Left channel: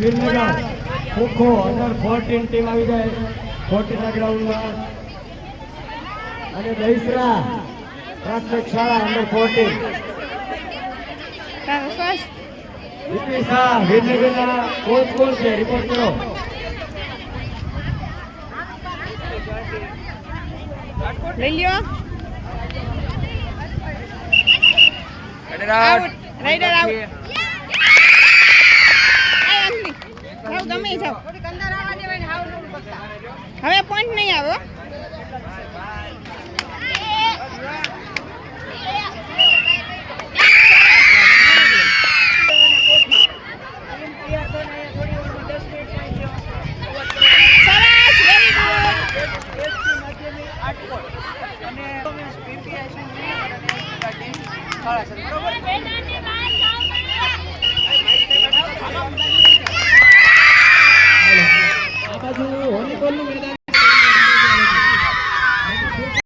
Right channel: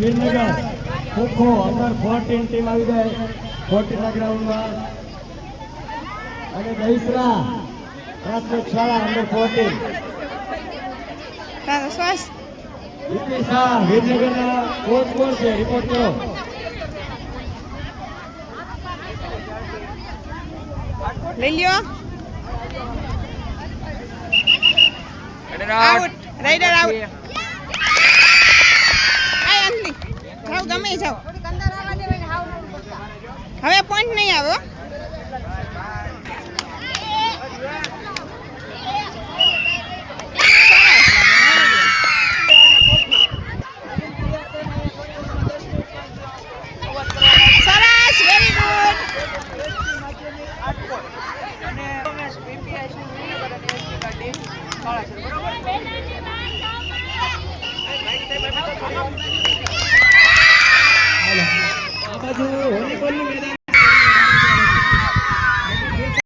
Virnagar kho kho under 14 team આવી ગઈ 14 ના ગ્રાઉન્ડમાં અને દહીસરા પ્રાથમિક શાળા અંડર 14 તારો શ્વાસ વિરનગરના કોચ કોણ છે રિપોર્ટ કરો લઈ લ્યો આઉટ રાઈડર આઉટ આય અંજલિ જાવ ગમે જાવ હવે પોઈન્ટ નહીં આવે